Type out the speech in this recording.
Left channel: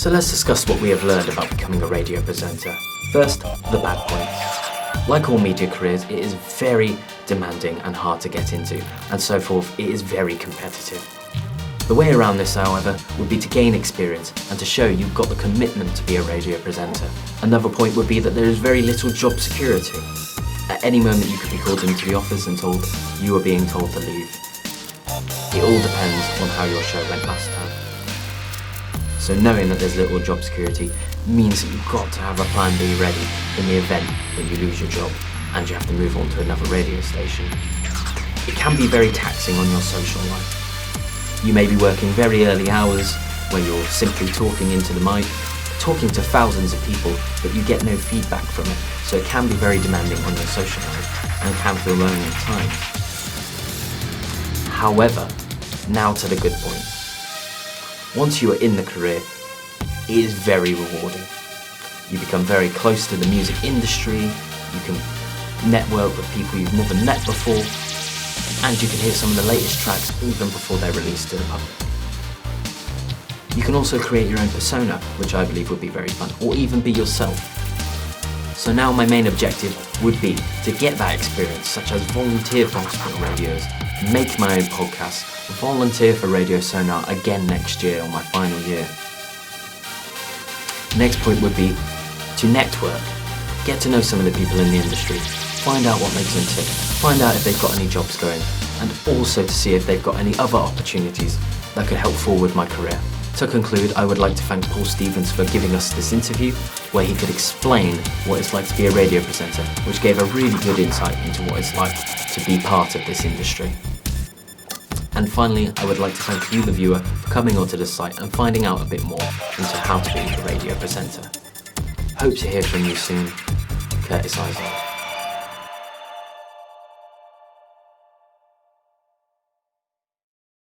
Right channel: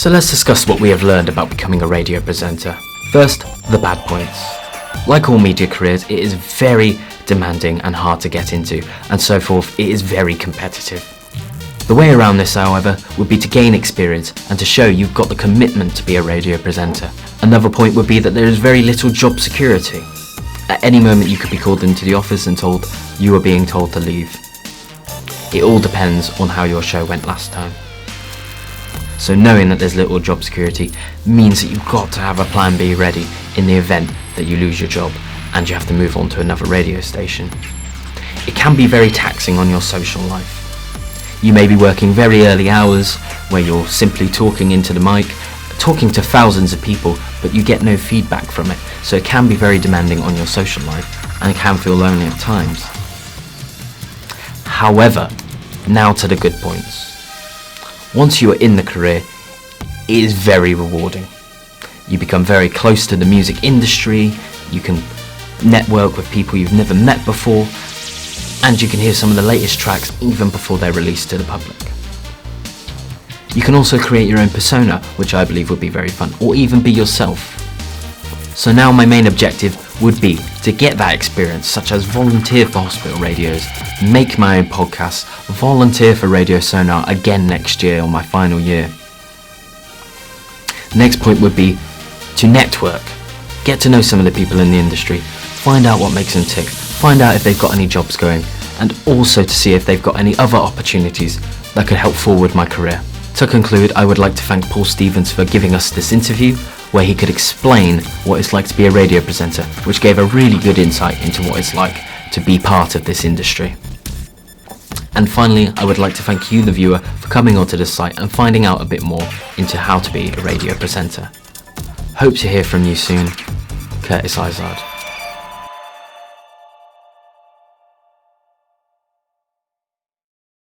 So let's discuss what we have learned about becoming a radio presenter. First, the bad points. Like all media careers, it is very demanding and hard to get into, and so forth, it is very competitive. The way around this, however, would be to gain experience and to show you've got the commitment to be a radio presenter. Another point would be that there is very little job security. At any moment you could be called into the office and told you are being told to leave. It all depends on how your show went last time. So knowing that there's little job security means that you've got to have a plan B ready in the event that you lose your job and you have to move on to another radio station. It can be very taxing on your social life. You may be working very early hours where you're simply talking into the mic, talking to thousands of people, but you get no feedback from it. So it can be very demanding on your social life and it can feel lonely at times. However, now to the good points. Once you are in the career, it is very rewarding. You become very close to the music industry, you can network with people you've never met before, and you can hear some of the latest tracks even before they're released to the public. You can also create your own persona, which I believe would be very fun, or even be yourself. So now my main objective would be to get that experience, such as volunteer for hospital radios, make my own podcasts, volunteer for Radio Sonar again next year on my final year. Next point would be to network, get to know some of the people in the industry, find out what makes them tick, find out if they've got any jobs going, and also to see if they've got any other opportunities that could help forward my career. To conclude, I would like to thank Paul Stevens for giving us this interview where he could explain what it's like to be a radio presenter, which gave a really good insight into what it's like to be part of this industry. And finally, I would like to thank you, the viewer, for coming onto this site and finding out a bit more into how to be a radio presenter. Hope to hear from you soon. Curtis Izard.